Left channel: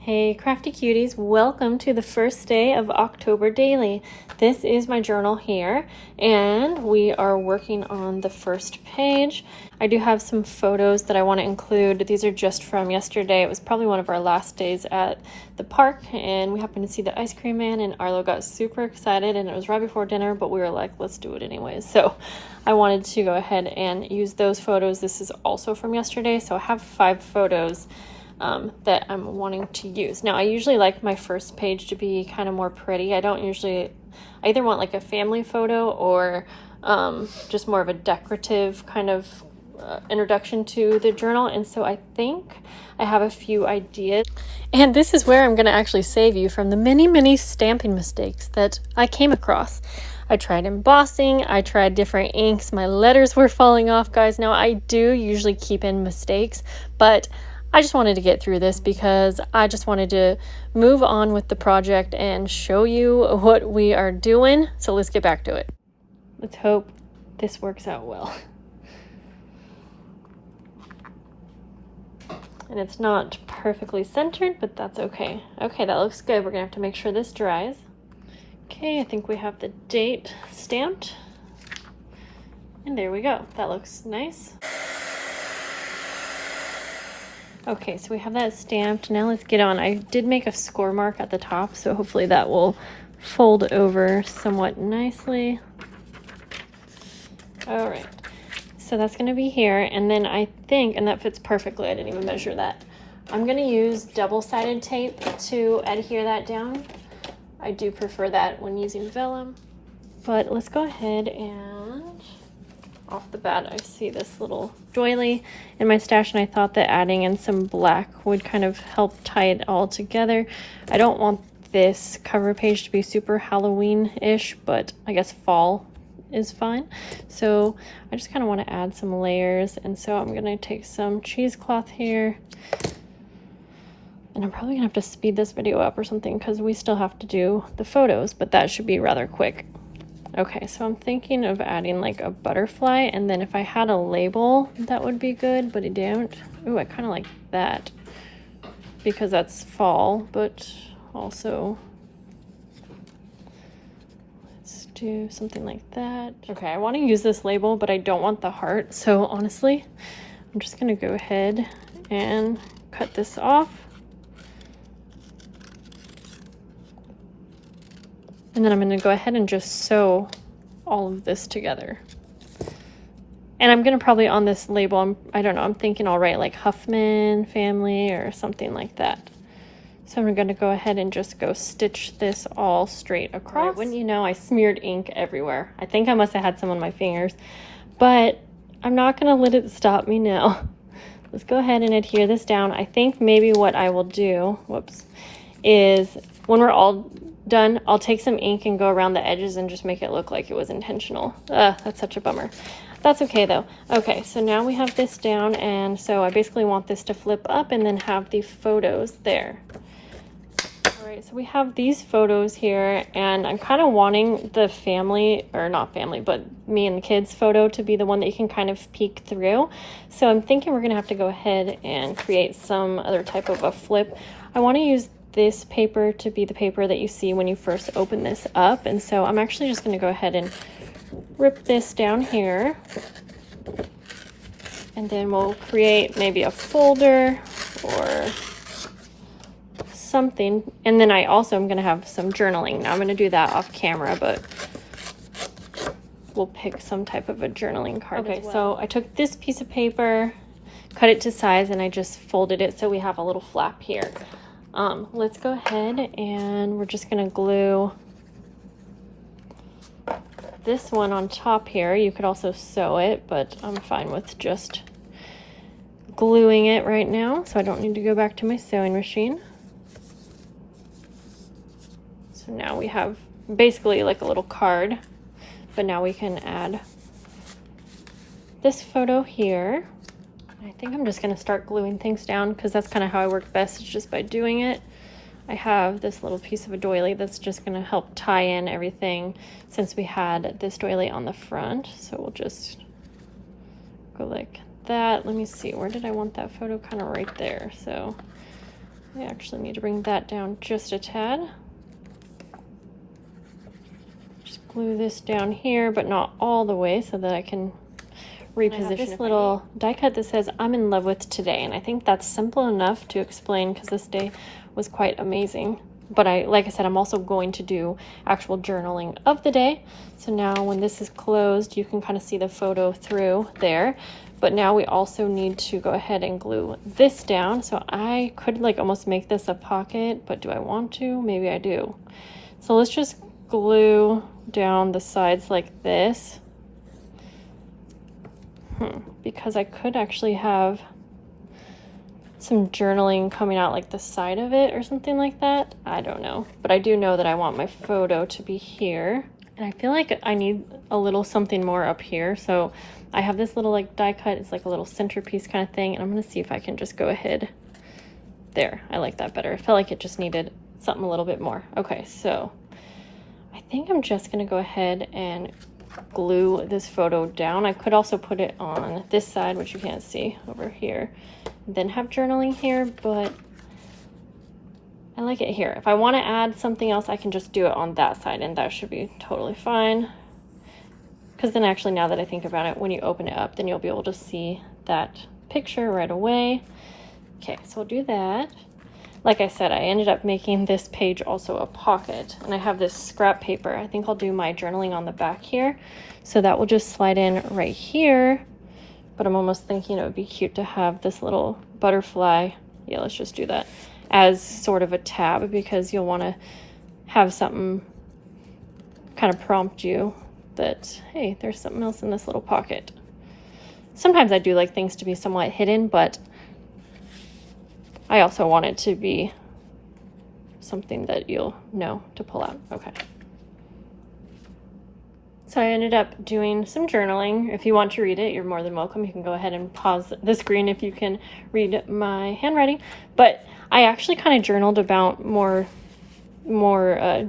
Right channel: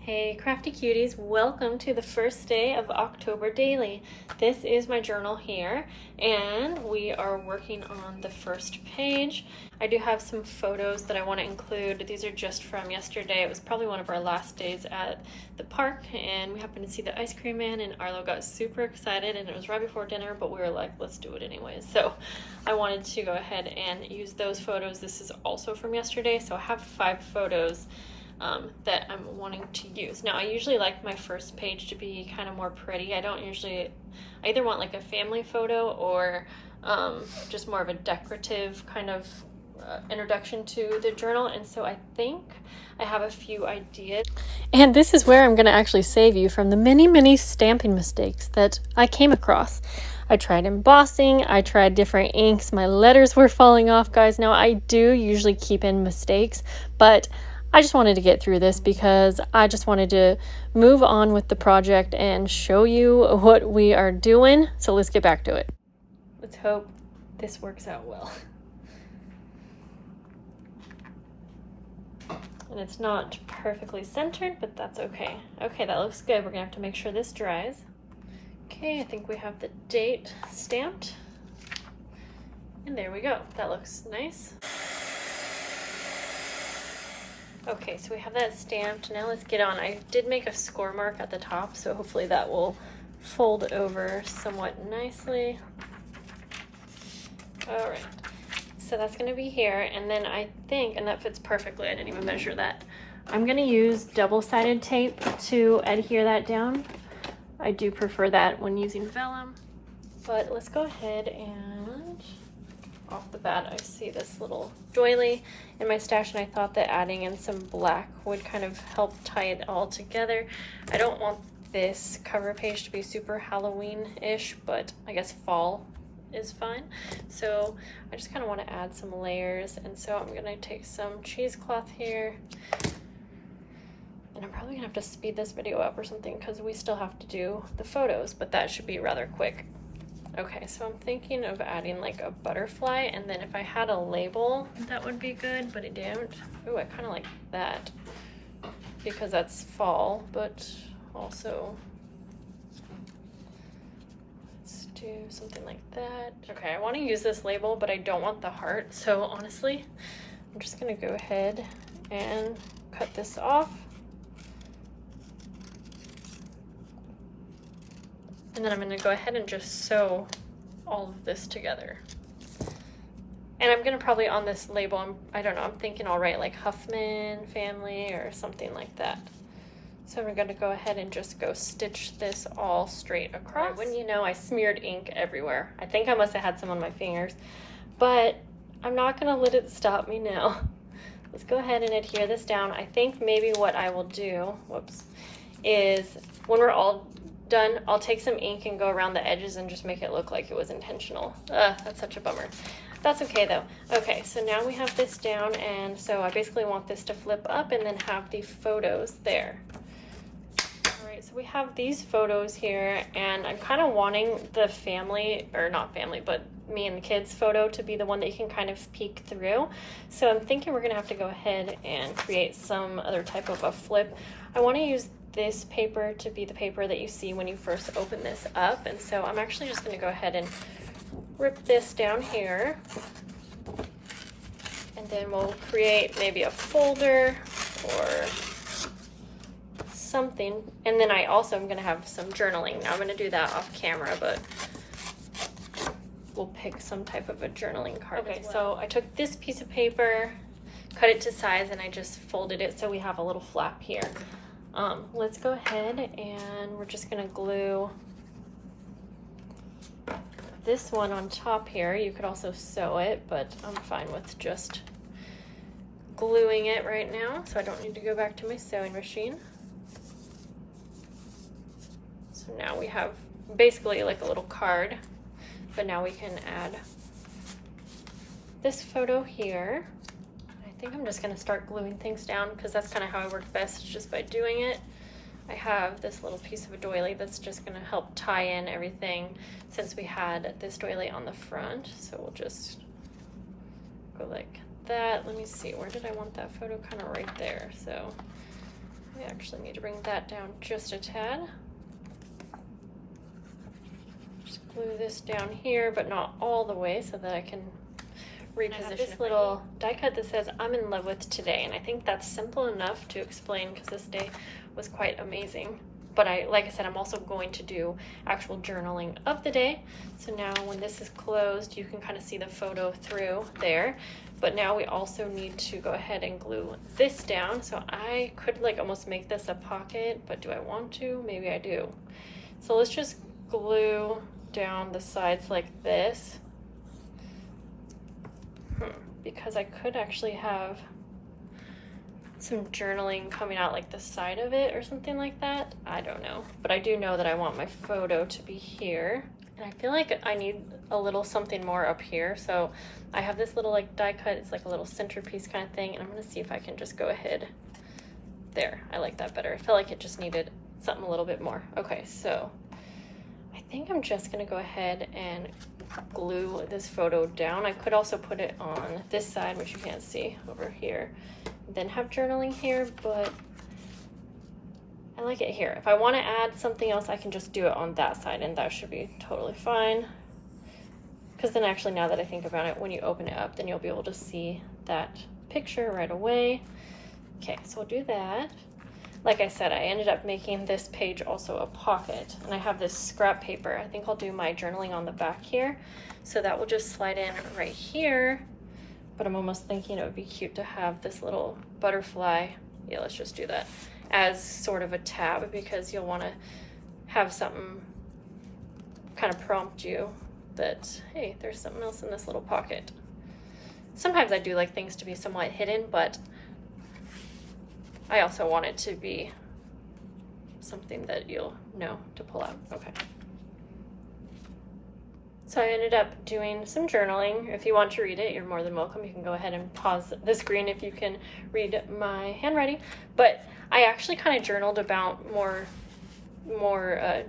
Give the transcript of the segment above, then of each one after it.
Hey crafty cuties, welcome to the first day of October Daily. This is my journal here and we are working on the first page. I do have some photos that I want to include. These are just from yesterday. It was probably one of our last days at the park and we happened to see the ice cream man and Arlo got super excited and it was right before dinner, but we were like, let's do it anyways. So I wanted to go ahead and use those photos. This is also from yesterday, so I have 5 photos that I'm wanting to use. Now I usually like my first page to be kind of more pretty. I either want like a family photo or just more of a decorative kind of introduction to the journal, and so I think I have a few ideas. And this is where I'm going to actually save you from the many stamping mistakes that I came across. I tried embossing, I tried different inks, my letters were falling off, guys. Now I do usually keep in mistakes, but I just wanted to get through this because I just wanted to move on with the project and show you what we are doing. So let's get back to it. Let's hope this works out well. And it's not perfectly centered, but that's okay. Okay, that looks good. We're gonna have to make sure this dries. Okay, I think we have the date stamped. And there we go. That looks nice. Okay, so we have that stamped. Now let's get on. I did make a score mark at the top, so hopefully that will fold over somewhat nicely. All right, so that's gonna be here. And then I think, and that fits perfectly, I didn't even measure that. I'm gonna use double-sided tape to adhere that down. I do prefer that when using vellum, but let's go ahead and off the bat, I see this little doily in my stash and I thought that adding in some black would kind of help tie it all together. I don't want this cover page to be super Halloween-ish, but I guess fall is fine. So I just kind of want to add some layers, and so I'm gonna take some cheesecloth here, and I'm probably gonna have to speed this video up or something because we still have to do the photos, but that should be rather quick. Okay, so I'm thinking of adding like a butterfly, and then if I had a label, that would be good, but I don't. Ooh, I kind of like that because that's fall, but also let's do something like that. Okay, I want to use this label, but I don't want the heart, so honestly, I'm just gonna go ahead and cut this off. And then I'm going to go ahead and just sew all of this together. And I'm going to probably on this label, I don't know, I'm thinking I'll write like Huffman family or something like that. So I'm going to go ahead and just go stitch this all straight across. Right, wouldn't you know, I smeared ink everywhere. I think I must have had some on my fingers, but I'm not going to let it stop me now. Let's go ahead and adhere this down. I think maybe what I will do, is when we're all done, I'll take some ink and go around the edges and just make it look like it was intentional. That's such a bummer. That's okay though. Okay, so now we have this down, and so I basically want this to flip up and then have the photos there. All right, so we have these photos here, and I'm kind of wanting the family, or not family, but me and the kids photo to be the one that you can kind of peek through. So I'm thinking we're gonna have to go ahead and create some other type of a flip. I want to use this paper to be the paper that you see when you first open this up, and so I'm actually just going to go ahead and rip this down here, and then we'll create maybe a folder or something. And then I also am going to have some journaling. Now I'm going to do that off camera, but we'll pick some type of a journaling card. Okay, so I took this piece of paper, cut it to size, and I just folded it so we have a little flap here. Let's go ahead and we're just gonna glue this one on top here. You could also sew it, but I'm fine with just gluing it right now, so I don't need to go back to my sewing machine. So now we have basically like a little card, but now we can add this photo here. I think I'm just going to start gluing things down because that's kind of how I work best, is just by doing it. I have this little piece of a doily that's just going to help tie in everything since we had this doily on the front. So we'll just go like that. Let me see, where did I want that photo? Kind of right there. So I actually need to bring that down just a tad. Just glue this down here, but not all the way, so that I can reposition this little die cut that says I'm in love with today, and I think that's simple enough to explain because this day was quite amazing. But like I said, I'm also going to do actual journaling of the day. So now when this is closed, you can kind of see the photo through there. But now we also need to go ahead and glue this down. So I could like almost make this a pocket, but do I want to? Maybe I do. So let's just glue down the sides like this. Because I could actually have some journaling coming out like the side of it or something like that. I don't know, but I do know that I want my photo to be here, and I feel like I need a little something more up here. So I have this little like die cut. It's like a little centerpiece kind of thing, and I'm gonna see if I can just go ahead there. I like that better. I felt like it just needed something a little bit more. Okay, so I think I'm just gonna go ahead and glue this photo down. I could also put it on this side, which you can't see over here, then have journaling here, but I like it here. If I want to add something else, I can just do it on that side, and that should be totally fine. Because then actually, now that I think about it, when you open it up, then you'll be able to see that picture right away. Okay, so we'll do that. Like I said, I ended up making this page also a pocket, and I have this scrap paper. I think I'll do my journaling on the back here. So that will just slide in right here, but I'm almost thinking it would be cute to have this little butterfly. Yeah, let's just do that as sort of a tab, because you'll want to have something kind of prompt you that, hey, there's something else in this little pocket. Sometimes I do like things to be somewhat hidden, but I also want it to be something that you'll know to pull out. Okay. So I ended up doing some journaling. If you want to read it, you're more than welcome. You can go ahead and pause the screen if you can read my handwriting. But I actually kind of journaled about more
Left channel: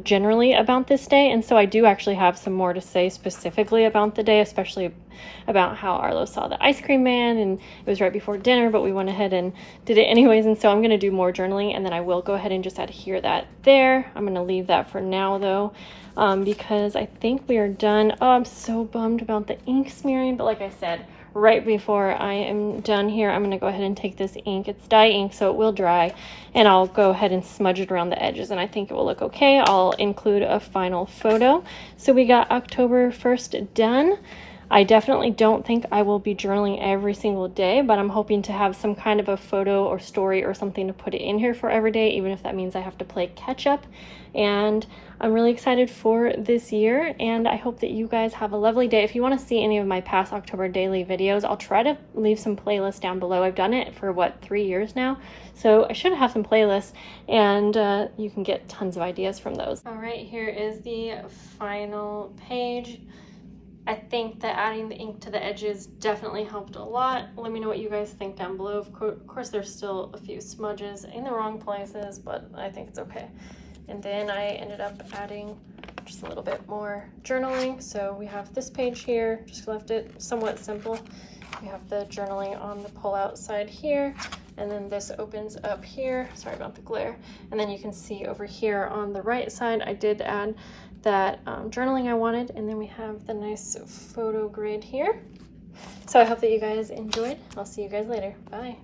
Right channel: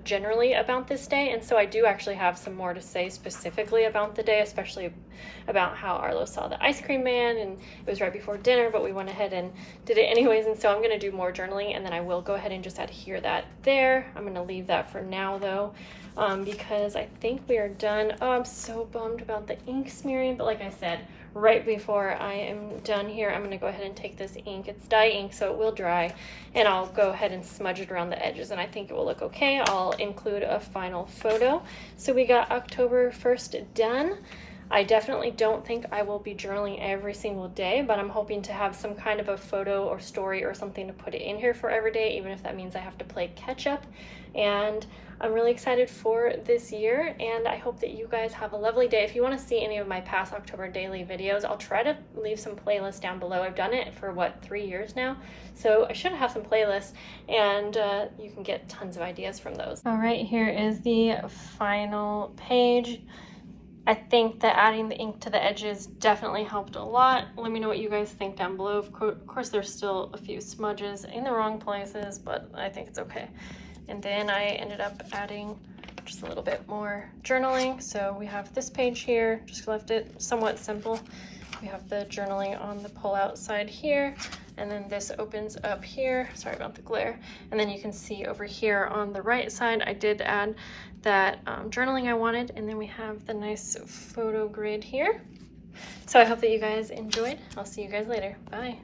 generally about this day, and so I do actually have some more to say specifically about the day, especially about how Arlo saw the ice cream man, and it was right before dinner, but we went ahead and did it anyways. And so I'm going to do more journaling, and then I will go ahead and just adhere that there. I'm going to leave that for now though, because I think we are done. Oh, I'm so bummed about the ink smearing, but like I said, right before I am done here, I'm going to go ahead and take this ink. It's dye ink, so it will dry, and I'll go ahead and smudge it around the edges, and I think it will look okay. I'll include a final photo. So we got October 1st done. I definitely don't think I will be journaling every single day, but I'm hoping to have some kind of a photo or story or something to put it in here for every day, even if that means I have to play catch up. And I'm really excited for this year, and I hope that you guys have a lovely day. If you want to see any of my past October daily videos, I'll try to leave some playlists down below. I've done it for what, 3 years now, so I should have some playlists, and you can get tons of ideas from those. All right, here is the final page. I think that adding the ink to the edges definitely helped a lot. Let me know what you guys think down below. Of course, there's still a few smudges in the wrong places, but I think it's okay. And then I ended up adding just a little bit more journaling. So we have this page here, just left it somewhat simple. We have the journaling on the pull-out side here, and then this opens up here. Sorry about the glare. And then you can see over here on the right side, I did add that journaling I wanted, and then we have the nice photo grid here. So I hope that you guys enjoyed. I'll see you guys later. Bye.